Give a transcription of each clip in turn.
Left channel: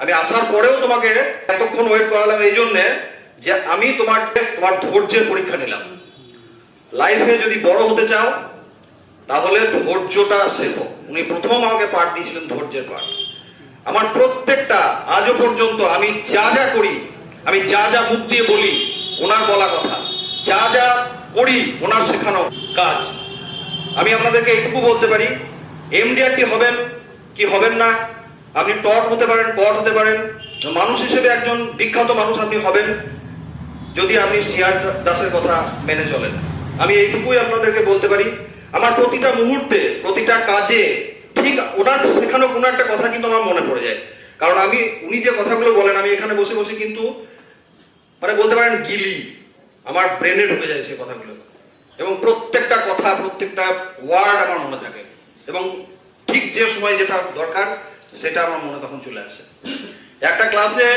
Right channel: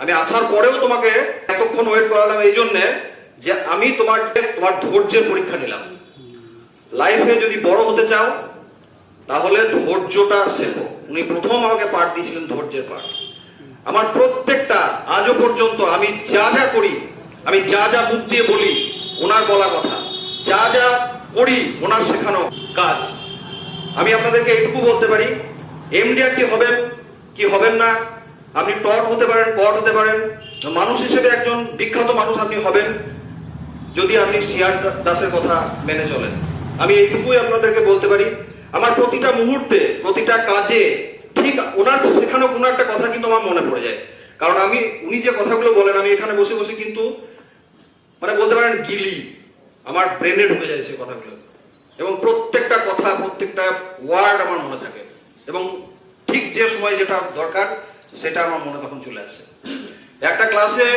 আমি আসার পরেও তোমাকে এতক্ষণ ওয়েট করালাম এই জন্যে যে আমি তোমার ধৈর্যের পরীক্ষা নিলাম। লাইফে যদি বড় হতে চাও তাহলে ধৈর্যটা শেখো। উনি প্রথম আমাকে পাঠ দিয়েছিলেন ধৈর্যের পাঠ। আমার প্রত্যেকটা আজও পর্যন্ত আমি যা যা করি, আমি যা যা মুখ দিয়ে বলি ওনার বলা কথা, যা যা করি ওনার শেখানো কাজ, আমি আপনাদেরকে এইটুকু বলতে পারি, এমডিআরটি হবেন কি হবেন না, আপনি টপ হতে পারেন, পট হতে পারেন, মানুষ হিসেবে একজন বিখ্যাত মানুষ আপনি হবেন যদি আপনি সিআর দাসের কথা মেনে চলেন। আমি এইটুকুই আপনাদেরকে বলতে পারি। আমার প্রতিটা মুহূর্তে, প্রতিটা কাজে ঠিক ওনার শেখানো কোনো একটা কথা কিন্তু আমার মনে পড়ে যায়। কারণ উনি যে কথাগুলো বলেন, আমি এখানে বসে বসে কিন্তু মানে বলতে পারেন গিলি আমার ব্রেনে ঢুকে যায় সে কথাগুলো, এবং প্রত্যেকটা কথা, প্রত্যেকটা ওয়ার্ড আমার মনে থাকে, এবং ঠিক যে সময় যেটা দরকার সেটা আমার মনে তখন চলে আসে। একটা ক্লাসে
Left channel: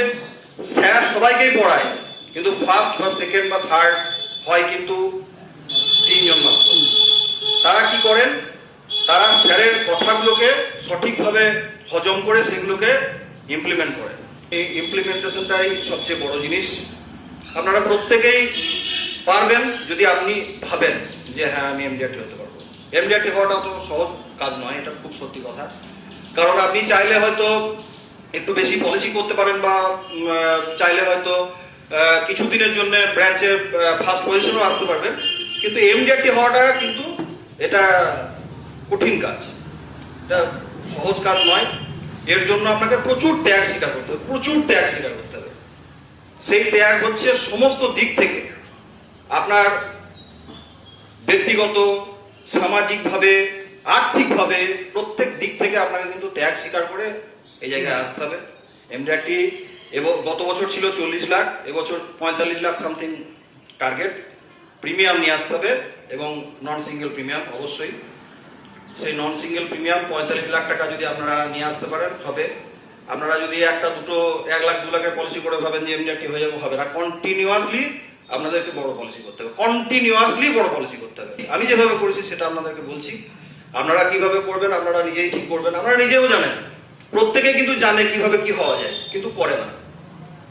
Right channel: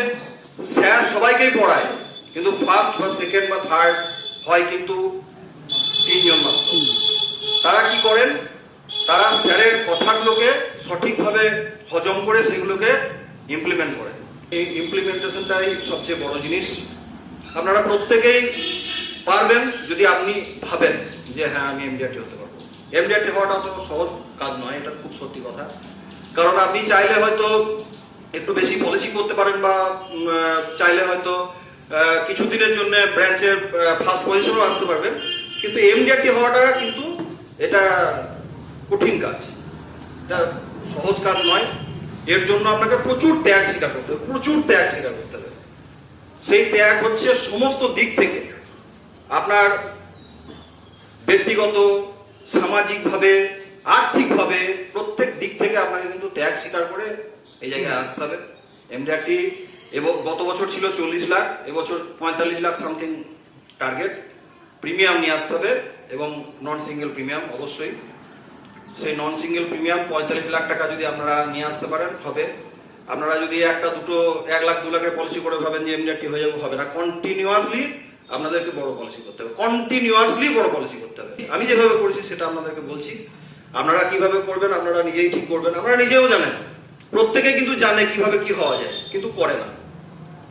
স্যার সবাইকেই পড়ায়, কিন্তু ফার্স্ট বা সেকেন্ড বা থার্ড হয় কিন্তু 3 জন মাত্র। তারা কি করেন, তারা স্যারের কথাগুলোকে সঠিকভাবে হজম করে সেগুলোকে ইমপ্লিমেন্ট করেন। এই ইমপ্লিমেন্টেশনটাই সবচেয়ে বড় জিনিস। আপনারা প্রত্যেকেই পারবেন যদি আপনি ভাবেন যে হ্যাঁ আমি এমডিআরটি হতে পারবো। এমডিআরটি হওয়াটা তো সহজ কাজ নয়, এটা খুব সত্যি কথা। কারণ আপনি চাইলে হয়তো একটু বেশি পলিসি করতে পারেন, বা চাইলে হয়তো কিছুদিনের জন্য ব্রাঞ্চের ফার্স্ট পজিশনও আসতে পারবেন, কিন্তু এমডিআরটি হওয়াটা কিন্তু এটা কঠিন কাজ, এটা সহজ কাজ নয়। এর জন্য আপনাকে প্রচুর ত্যাগ স্বীকার করতে হবে, প্রচুর ত্যাগ স্বীকার করতে হবে। সেই ত্যাগ হচ্ছে সমস্ত দিক থেকে, আপনার ব্যক্তিগত, সামাজিকভাবে, আর্থিকভাবে, প্রত্যেক দিক থেকে আপনাকে কিন্তু ত্যাগ স্বীকার করে এই জায়গায় আসতে হবে। এমডিআরটি এবং গত বছর ছিল 40 লাখ, এবছর 45 লাখ সামথিং টার্গেট। প্রিমিয়াম নিয়ে আসতে হবে, এবং নন সিঙ্গেল প্রিমিয়াম অবশ্যই। সেই নন সিঙ্গেল প্রিমিয়াম 45 লাখ টাকা যদি আপনারা নিয়ে আসতে পারেন হবে। আপনারা যদি একটা দুটো 1 লাখ 2 লাখের পলিসি করে ভাবেন যে এমডিআরটি হয়ে যাবে, হবে না। কন্টিনিউয়াসলি আপনাদেরকে বড় পলিসি করতে হবে, কন্টিনিউয়াসলি বড় পলিসি করতে হবে। আমি যেভাবে করেছি সেটা আপনাদেরকে বলছি, আপনারা কিভাবে করবেন আপনারা নিজেই ঠিক করবেন। আপনারা নিজেও জানেন, প্রত্যেকে কিন্তু জানে কিভাবে কি হওয়া যায়, কিন্তু করে না,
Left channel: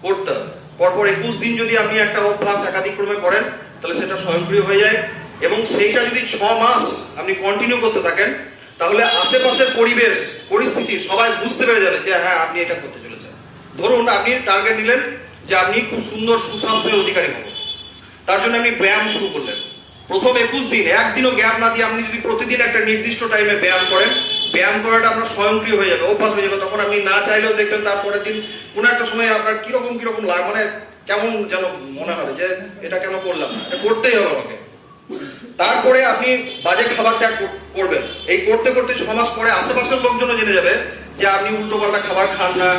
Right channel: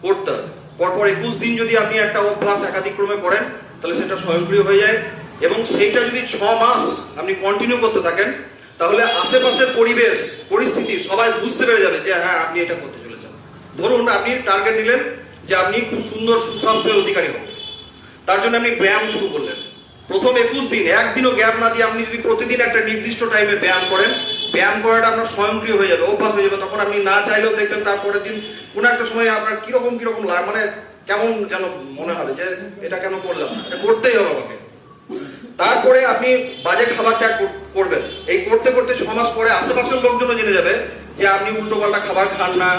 করতে হবে। পরপর 21 দিন যদি আপনি একটা অভ্যাস একাধিক্রমে করেন তাহলে সেটা স্বয়ংক্রিয় হয়ে যায়, এবং সেইটা যদি 6 মাস আপনি কন্টিনিউ করতে থাকেন তাহলে আশেপাশের পরিবেশ পরিস্থিতি সবাই বুঝতে পেরে যাবে যে হ্যাঁ আপনি এটা করতে চলেছেন। ধরুন আপনি টার্গেট নিলেন যে আপনি খুব সুন্দর সুস্বাস্থ্যের অধিকারী হবেন, তার জন্য আপনি ব্যায়াম শুরু করলেন। প্রথম 21 দিন একদিনও গ্যাপ না দিয়ে আপনি যদি প্রতিদিন একটা নির্দিষ্ট টাইমে ব্যায়াম করেন, ব্যায়াম করাটা আপনার স্বয়ংক্রিয় হয়ে যাবে, অভ্যাস হয়ে যাবে। তখন আপনি না চাইলেও দেখবেন তারপরের দিন কোন একটা সময় আপনার কিরকম লাগে, মানে কেমন যেন মনে হবে যে এটা কেন করলাম না, এটা করতেই হবে আমাকে। তারপরে আপনি বাজে খাবার ত্যাগ করবেন। এই করতে করতে 6 মাস পরে আশেপাশের লোকজনও জেনে যাবে যে আপনি উল্টোপাল্টা খাবার খান না,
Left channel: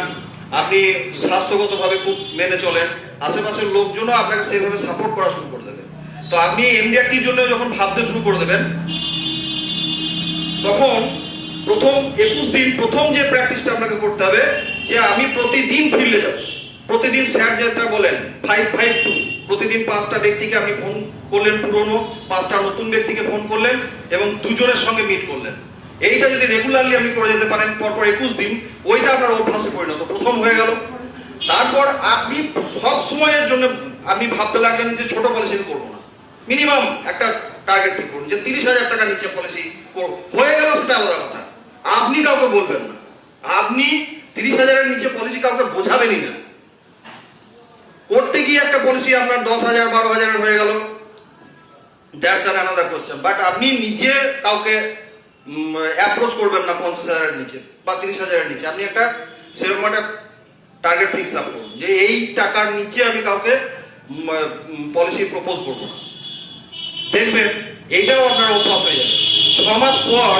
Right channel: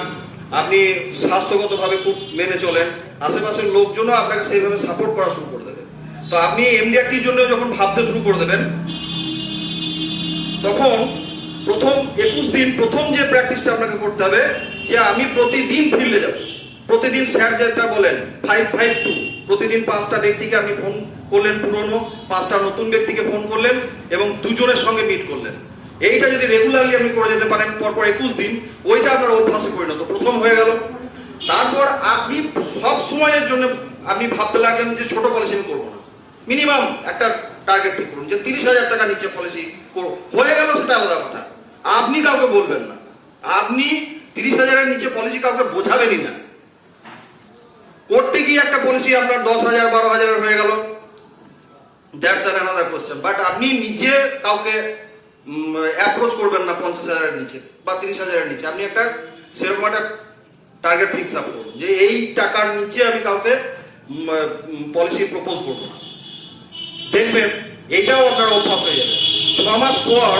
আপনি স্বাস্থ্যগতভাবে খুব মেনে চলেন। আশেপাশের লোকজনও আপনাকে সেইভাবে সাপোর্ট করা শুরু করে দেবে। তো আপনি এমডিআরটির জন্য যখন ভাবতে শুরু করে দেবেন, তখন প্রথম 21 দিন প্রথম যে প্র্যাকটিসটা আপনাকে করতে হবে যে আমি প্রতিদিন ফিল্ডে যাব। প্রতিদিন স্যার যেটা বলেন 5-5-2, প্রতিদিন 5টা ব্যক্তিকে আপনি ফোন করলেন, পুরনো 5টা নতুন ব্যক্তিকে ফোন করলেন, এবং 2 জনের সঙ্গে মিট করলেন। এইটা যদি রেগুলারলি আপনি করে যেতে পারেন পরপর 21 দিন, ওইটা আপনার অভ্যাসে পরিণত প্রথম হয়ে গেল। তারপর আপনি সব সময়ের জন্য আপনি ভাবতে লাগলেন যে ছোট পলিসি করবো না, মিনিমাম একটা টার্গেট ঠিক করুন যে 30,000 টাকা নিচে পলিসি হয়ে গেল, সেটা আলাদা কথা। আপনি কাউকে বলবেন না, আপনি 30,000-এর নিচে পলিসি কাউকে বোঝাবেনই না। করতে গিয়ে একটা পলিসি আপনার 10,000 12,000 হয়ে গেল, দ্যাটস অ্যানাদার কোশ্চেন। বাট আপনি নিজে কাউকে অ্যাপ্রোচ করবেন না 50,000-এর নিচে বা 30,000-এর নিচে। আপনি একটা সেরকম একটা টার্গেট ফিক্স আপ করুন যে এই টাকার নিচে আমি কাউকে পলিসি প্রপোজ করবো না। দেখবেন এইটাও আপনার অভ্যাস হয়ে যাবে। 6 মাস পর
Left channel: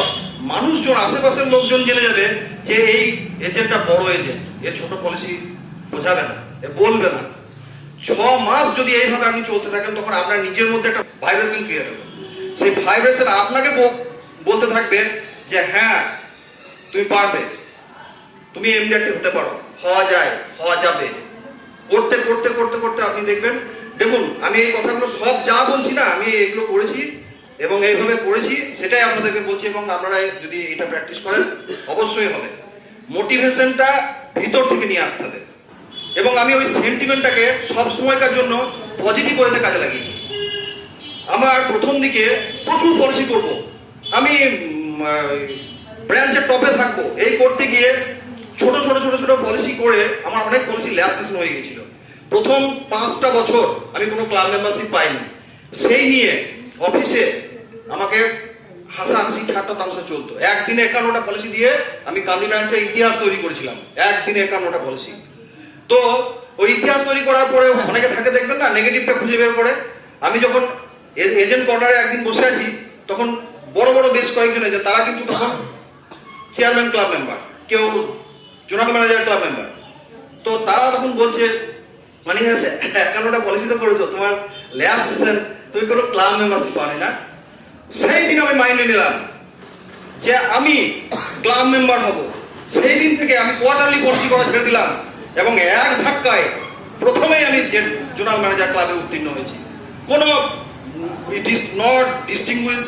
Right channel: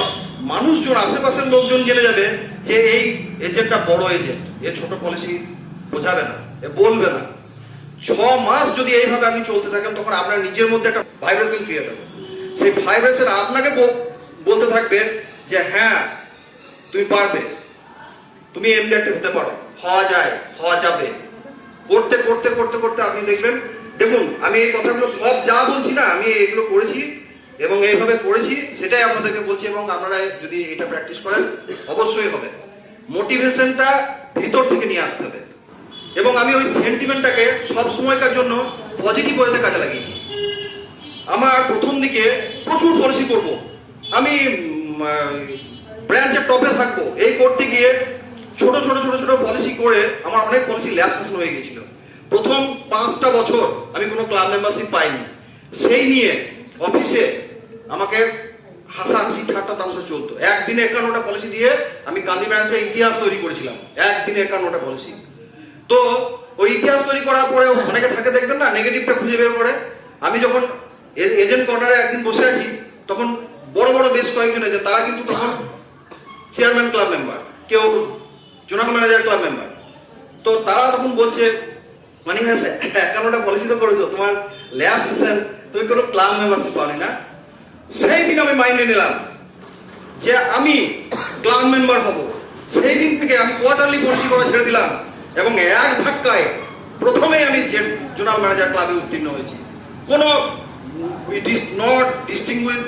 মানুষজন, আশেপাশের লোকজন জেনে যাবে যে এই এজেন্টটা বড় এজেন্ট, এ ছোট পলিসি বোঝাবে না, এ বলবে না। 6 মাস যদি এইভাবে আপনি চলতে থাকেন, তখন আপনার নিজের মধ্যে একটা ভাইব্রেশন ক্রিয়েট হবে। সেই ভাইব্রেশন আপনাকে বলতে থাকবে যে হ্যাঁ তুমি পারবে, তুমি এমডিআরটি হতে পারো, হওয়া যায়, হওয়া যাবে। করতে করতে করতে করতে আপনি দেখবেন, দেখুন আমি এই কথাগুলো সব যা বলছি না, আমি এগুলো করেছি এবং এইভাবে করেছি, সেটাই আপনাদেরকে বলছি। এবং আপনারা যদি এটা প্র্যাকটিস করেন অবশ্যই হবে। মোটিভেশনটা ভিতর থেকে নিয়ে আসতে হবে। এবং আমি ওই সেন্টিমেন্টটাকে সব সময়কার জন্য পজিটিভ ওয়েতে কাজে লাগিয়েছি। আমার প্রথম দিকে প্রচুর পলিসি করব, আমি ব্রাঞ্চের টপে থাকবো, এই করতে গিয়ে ছোট ছোট ছোট ছোট পলিসি করে আমার অনেক পলিসি ল্যাপসেস হয়ে গেছিল। প্রথম 5টা বছর আমি কোনো ক্লাব মেম্বারশিপ পাইনি। সেই নিয়ে অফিসে আমাকে হাসাহাসি ঠাট্টা তামসা চলতো। একদিনে 51টা পলিসি দিয়ে আমি গান্ধী ব্রাঞ্চের ইতিহাস তৈরি করেছিলাম, একদিনে 51টা পলিসি। তো ওই ইতিহাস তৈরি করার পরে অনেকে থাকে দেখবেন না, নেগেটিভটা খুঁজে বের করে। আমি যখন এজেন্ট কোয়ার্টারে একদিন বসে আছি, তখন বড় বড় বেশ কয়েকজন এজেন্ট, তারা কিন্তু তখন চেয়ারম্যান ক্লাব মেম্বার, কেউ জোনাল ম্যানেজার ক্লাব মেম্বার। তো তারা তখন বলছে, মানে 51টা পলিসি তো করেছো, তোমার ল্যাব সেশন, তুমি কোনো ক্লাব মেম্বারশিপ পাওনি না। সেই দিন আমি মাইন্ডে নিলাম যে আমি ক্লাব মেম্বার হব। সেই দিন থেকে আমি কোয়ার্টারলি পলিসি করা ছেড়ে দিলাম এবং এক ধাক্কায় প্রথমেই আমি জোনাল ম্যানেজার ক্লাবে উত্তীর্ণ হয়েছি। কোনো not distinguish,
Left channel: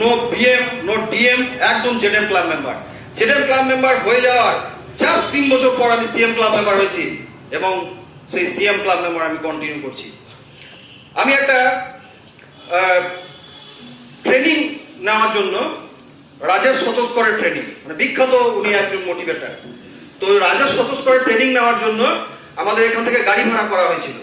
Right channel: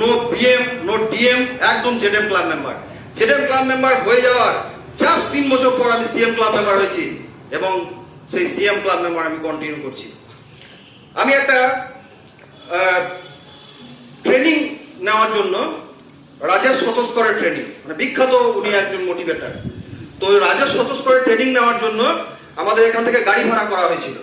no BM, no DM, একদম ZM club member. ZM club member হয়ে যাওয়ার জাস্ট 3 বছর পর আমি সিএম ক্লাব মেম্বার হয়েছি এবং সেই সিএম ক্লাব মেম্বার আমি কন্টিনিউ করছি। আমি একটা ট্রেনিং নেওয়ার জন্য রাজেশ সতস্করের ট্রেনিং, মানে বিখ্যাত, উনি একজন মোটিভেটর। তো রাজেশ সতস্করের ট্রেনিং নেওয়ার জন্য আমাদের এখান থেকে গাড়ি ভাড়া করা হয়েছিল।